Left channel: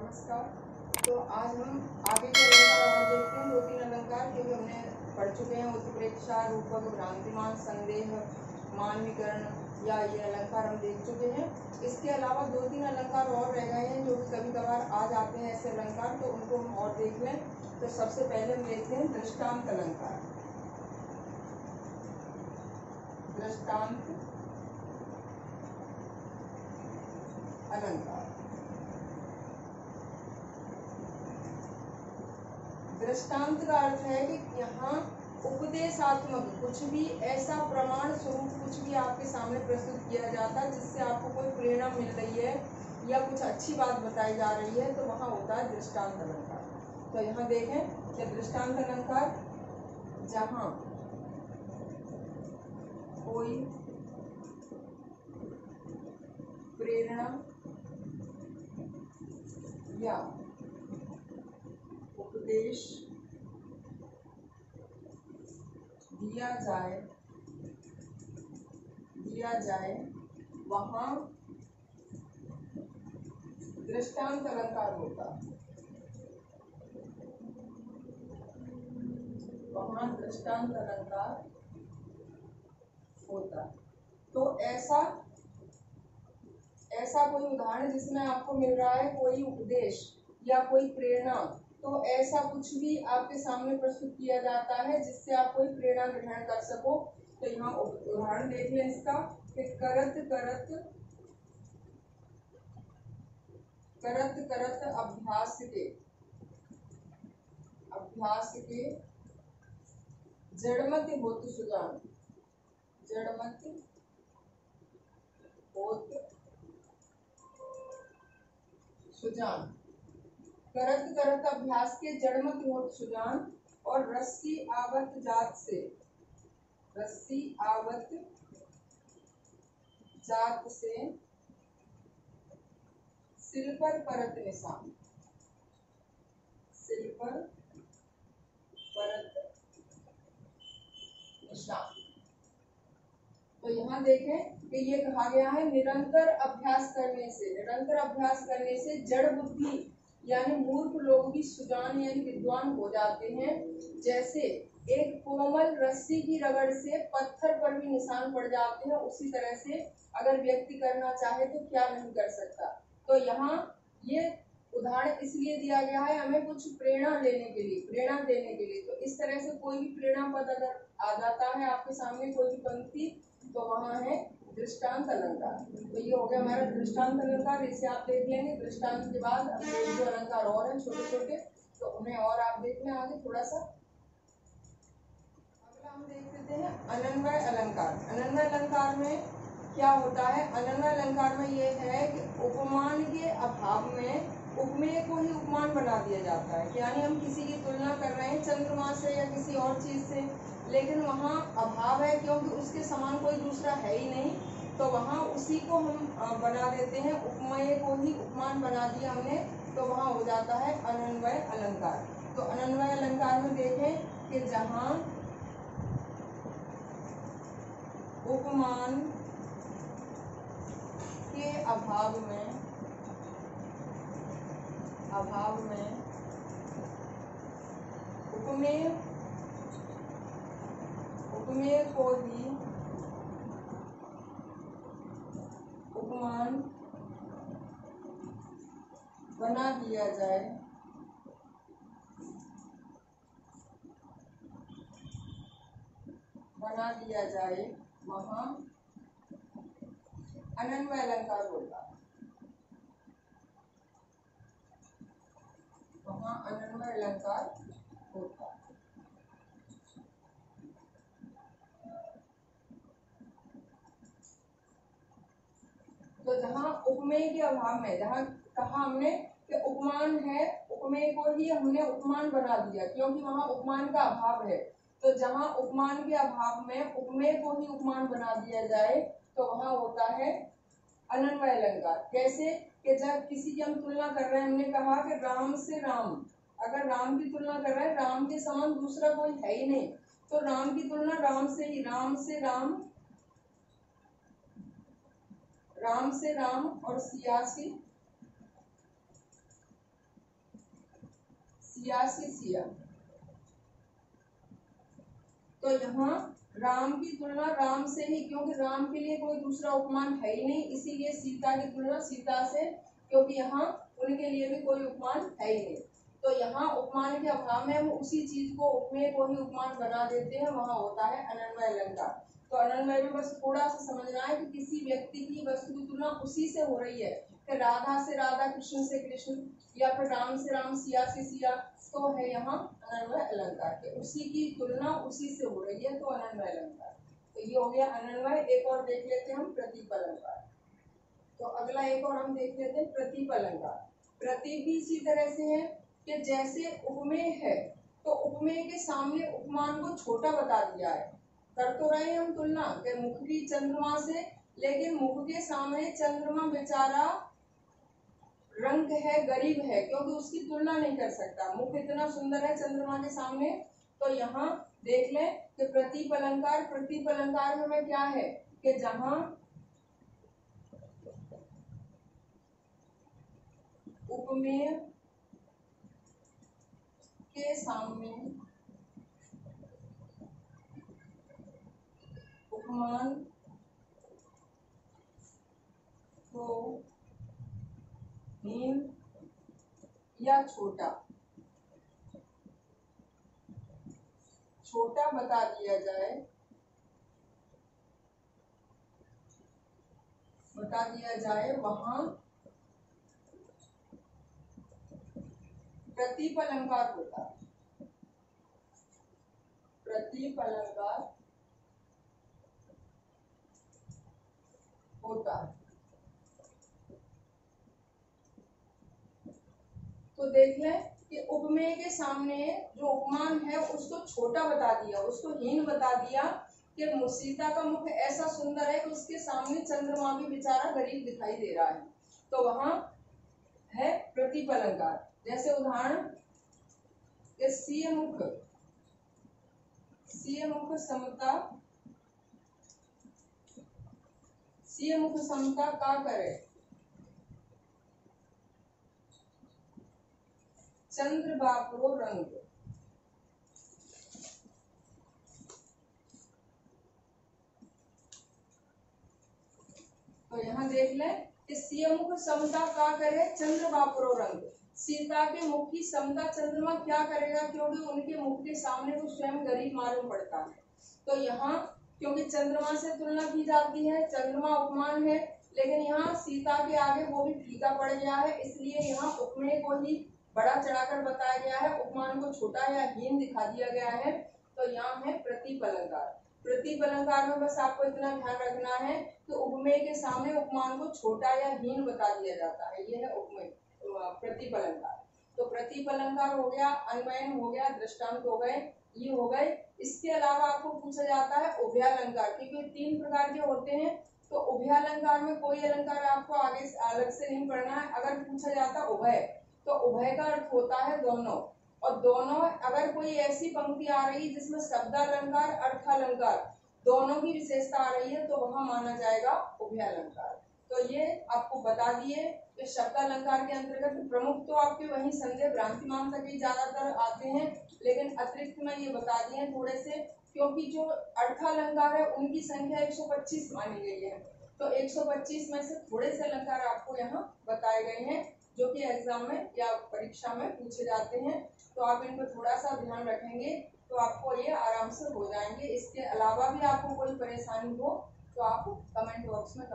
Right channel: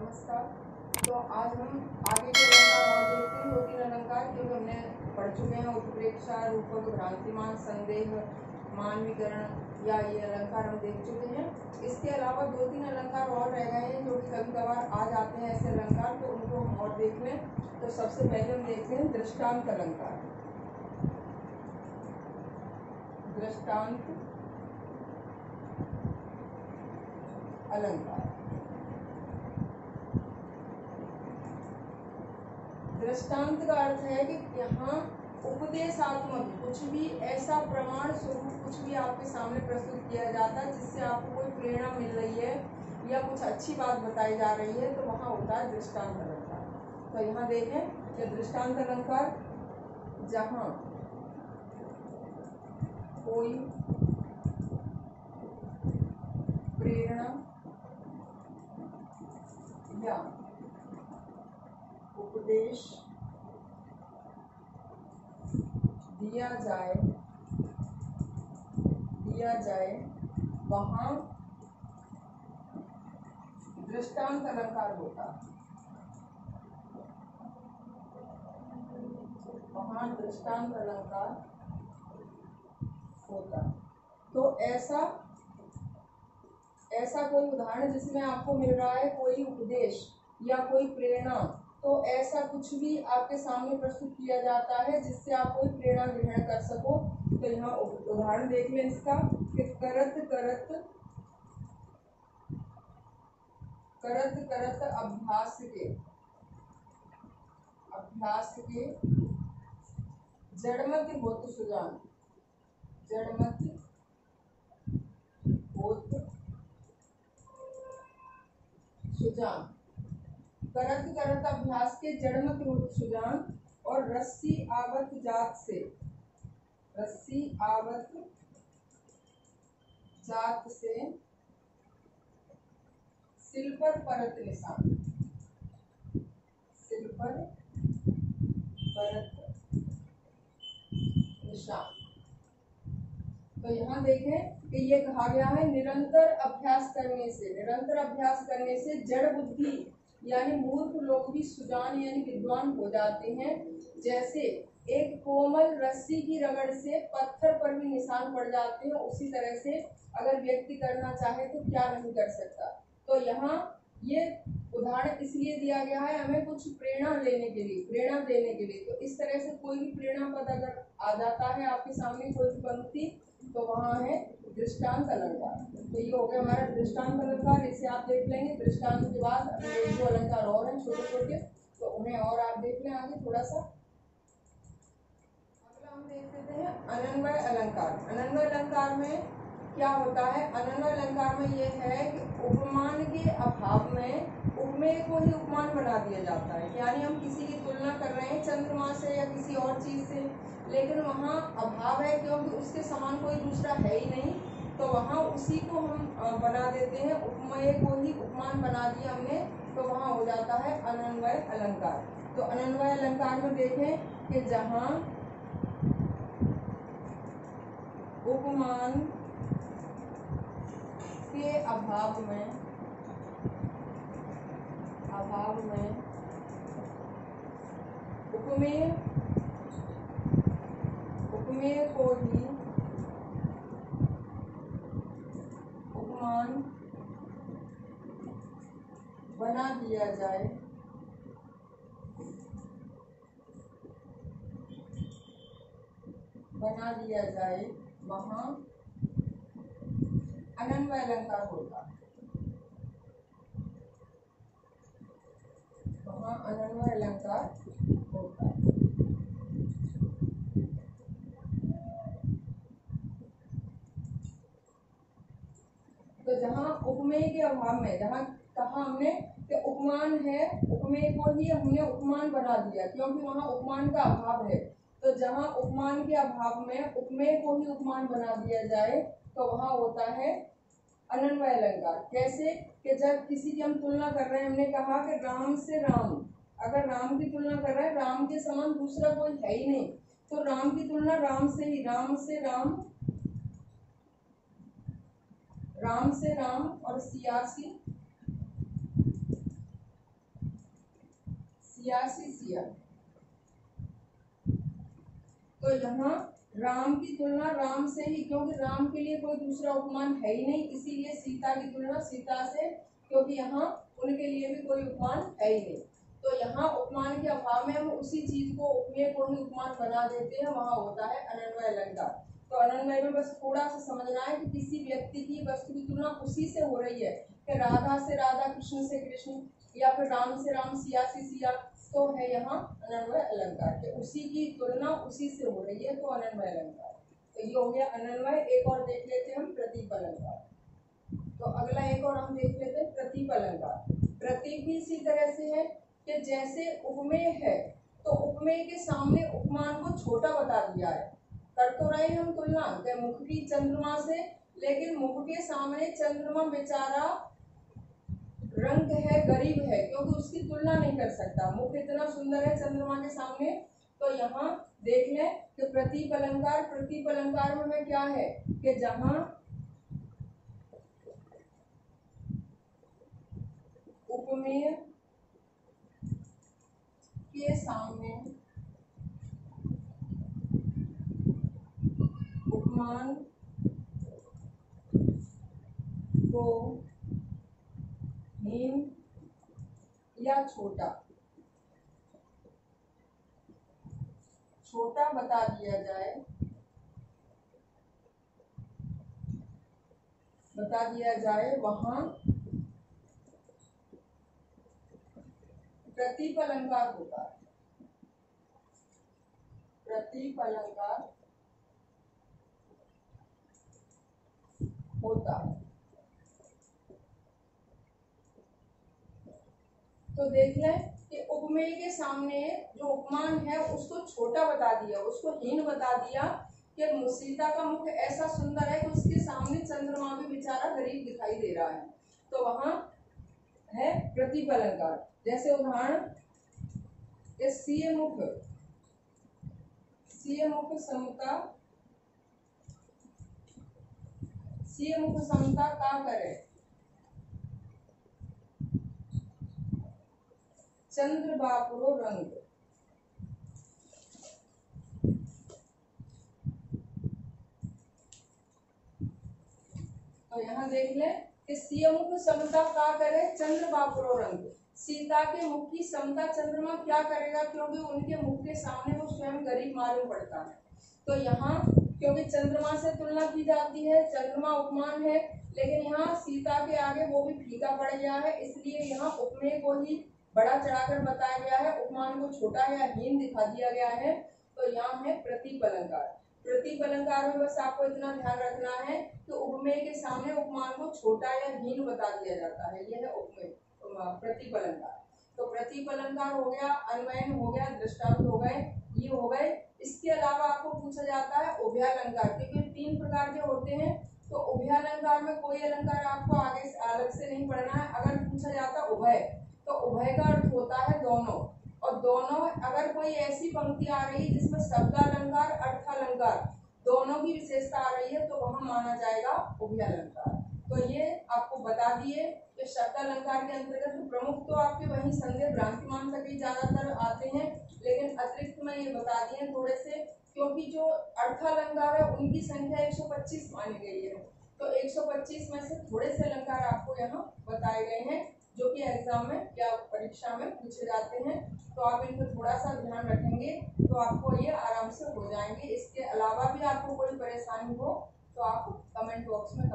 नमस्कार। तो आज हम आगे के अलंकार और देखते हैं। 2-3 अलंकार जो हमने पढ़ चुके हैं। उत्प्रेक्षा, रूपक, भ्रांतिमान, संदेह, मानवीकरण या ये अलंकार हम देख चुके हैं। इसके अलावा 2-3 अलंकार और रह गए हैं जो कि कभी कभार आ जाते हैं ऐसे अलंकार, तो उनको हम और देख लें। तो सबसे पहले हम देखते हैं दृष्टांत अलंकार। दृष्टांत अलंकार। दृष्टांत का अर्थ है कि यहाँ उपदेशात्मक कुछ भी ऐसा प्रमाण स्वरूप कुछ भी आपके सामने प्रस्तुत किया जाता है जिससे आपको कोई प्रेरणा मिल रही है या कुछ अच्छी बात बताई जा रही है, तो वहाँ होता है दृष्टांत अलंकार। तो यहाँ देखें कि दृष्टांत अलंकार जहाँ कोई प्रेरणा या उपदेश दिया जाए वहाँ दृष्टांत अलंकार होता है। वहाँ दृष्टांत अलंकार होता। तो ऐसा कोई उदाहरण जिसमें आपको मिल रहा है कोई उपदेश या कोई प्रेरणा, तो ऐसा कुछ भी आपके सामने प्रस्तुत किया जाता है जिससे आप कोई प्रेरणा ग्रहण कर सको। तो यहाँ उदाहरण देख लें इसका कि करत करत अभ्यास के जड़मति होत सुजान। जड़मति होत सुजान। करत अभ्यास के जड़मति होत सुजान। और रस्सी आवत जात से सिल पर परत निशान। सिल पर परत निशान। तो यहाँ देखें कि ये कहा गया है निरंतर अभ्यास करने से जड़ बुद्धि यानी मूर्ख लोग भी सुजान यानी विद्वान हो जाते हैं। जैसे एक कोमल रस्सी की रगड़ से पत्थर पर भी निशान पड़ जाते हैं, उसी तरह से अगर व्यक्ति करना चाहे तो क्या नहीं कर सकता। तो यहाँ ये उदाहरण इसलिए दिया गया है हमें कुछ प्रेरणा देने के लिए। तो इस तरह से कोई भी प्रेरणा पद अगर आ जाता है आपके सामने कोई भी पंक्ति, तो वहाँ है दृष्टांत अलंकार। तो ये हो गया हमारा दृष्टांत अलंकार। इसे आप देख लेंगे। दृष्टांत के बाद अभी एक दो अलंकार और हैं छोटे छोटे, तो उन्हें और आप देख लें आगे थोड़ा सा। अगला हम देख लेते हैं अनन्वय अलंकार। अनन्वय अलंकार में क्या होता है? अनन्वय अलंकार में ये है कि उपमान के अभाव में उपमेय को ही उपमान बना दिया जाता है। यानी हम किसी की तुलना कर रहे हैं चंद्रमा से या किसी और चीज से, लेकिन वहाँ अभाव है क्योंकि उसके समान कोई दूसरा है ही नहीं, तो वहाँ उसी को हम बना देते हैं। उपमेय को ही उपमान बना दिया हमने, तो वहाँ हो जाता है अनन्वय अलंकार। तो अनन्वय अलंकार में देखें कि जहाँ उपमान के अभाव में उपमेय को ही उपमान बना दिया जाए वहाँ अनन्वय अलंकार होता है। वहाँ अनन्वय अलंकार होता है। तो जहाँ उपमेय के अभाव में, जहाँ कहा हमने कि उपमान है, उपमेय को ही हमने उपमान बना दिया क्योंकि वहाँ उपमान का अभाव है। तो जहाँ उपमान के अभाव में उपमेय को ही उपमान बना दिया जाए, तो वहाँ होता है अनन्वय अलंकार। कैसे कि जब किसी की हम तुलना कर रहे हैं, हमने कहा कि राम से राम, अगर राम की तुलना कर रहे हैं, राम के समान दूसरा कोई है ही नहीं, तो राम की तुलना राम से ही, राम से राम और सियासी सियासी सिया। तो यहाँ राम की तुलना राम से ही, क्योंकि राम के लिए कोई दूसरा उपमान है ही नहीं, इसीलिए सीता की तुलना सीता से, क्योंकि यहाँ उनके लिए भी कोई उपमान है ही नहीं। तो यहाँ उपमान के अभाव में हम उसी चीज को, उपमेय को ही उपमान बना देते हैं, वहां होता है अनन्वय अलंकार। तो अनन्वय में बस थोड़ा सा समझना है कि किसी व्यक्ति की वस्तु की तुलना उसी से हो रही है, कि राधा से राधा, कृष्ण से कृष्ण, या फिर राम से राम, सिया से सिया, तो है यहाँ अनन्वय अलंकार, कि उसी की तुलना उसी से हो रही है, तो अनन्वय अलंकार। तो ये हो गया अनन्वय। एक और देख लेते हैं हम, प्रतीक अलंकार। तो अगला एक और हम देख लेते हैं प्रतीक अलंकार। प्रतीक भी इसी तरह से है कि जैसे उपमेय है, तो उपमेय के सामने उपमान को छोटा बता दिया है। कर तो रहे हम तुलना के मुख की चंद्रमा से, लेकिन मुख के सामने चंद्रमा बेचारा रंग है, गरीब है, क्योंकि उसकी तुलना नहीं कर सकता, मुख इतना सुंदर है चंद्रमा के सामने। तो यहाँ देख लें कि प्रतीक अलंकार, प्रतीक अलंकार में हमें क्या है कि जहां उपमेय के सामने उपमान को हीन या छोटा बता दिया जाए, वहां प्रतीक अलंकार होता है। प्रतीक अलंकार होता है। तो देख लें कि उपमेय के सामने जो उपमान है उसको छोटा बता दिया, उसको हीन बता दिया, कि सीता का मुख ऐसा सुंदर है कि उसके सामने चंद्रमा भी बेचारा गरीब दिखाई दे रहा है। तो वहां है प्रतीक अलंकार। जैसे उदाहरण, सीय मुख समता का करे चंद्र बापरो रंग। तो यहाँ देख लें कि सीय मुख समता का करे चंद्र बापरो रंग। सीता के मुख की समता चंद्रमा क्या करेगा, क्योंकि उनके मुख के सामने वो स्वयं गरीब मालूम पड़ता है। तो यहाँ क्योंकि चंद्रमा से तुलना की जाती है, चंद्रमा उपमान है, लेकिन यहाँ सीता के आगे वो भी फीका पड़ गया है, इसलिए यहाँ उपमेय को ही बड़ा चढ़ाकर बताया गया है, उपमान को छोटा या हीन दिखा दिया गया है। तो यहाँ है प्रतीक अलंकार। प्रतीक अलंकार में बस आपको इतना ध्यान रखना है कि उपमेय के सामने उपमान को छोटा या हीन बता दिया जाता है, यह है उपमेय प्रतीक अलंकार। तो प्रतीक अलंकार हो गया, अन्वयन हो गया, दृष्टांत हो गए, ये हो गए। इसके अलावा आपको पूछा जाता है उभयालंकार, क्योंकि 3 प्रकार के होते हैं। तो उभयालंकार में कोई अलंकार आपको आगे अलग से नहीं पढ़ना है। अगर पूछा जाता उभय, तो उभय का अर्थ होता है दोनों, और दोनों अगर कोई ऐसी पंक्ति आ रही है जिसमें शब्दालंकार अर्थालंकार दोनों की विशेषता आ रही है, तो वहां माना जाएगा उभयालंकार। तो ये आपको बता दिए कि शब्दालंकार के अंतर्गत प्रमुख तो आपके वही संदेह भ्रांतिमान तक ही ज्यादातर आते हैं, लेकिन अतिरिक्त में ये बता दिए थोड़े से, क्योंकि जो अर्थालंकार है उनकी संख्या 125 मानी गई है। तो 125 में से थोड़े से अलंकार आपको यहाँ बताए गए हैं, जो कि एग्जाम में या परीक्षा में पूछे जाते हैं। तो आप इन पर थोड़ा सा ध्यान रखेंगे तो आपको ये आराम से हो जाएंगे। इसके अलावा भी आपको कोई परेशानी हो तो आप कमेंट बॉक्स में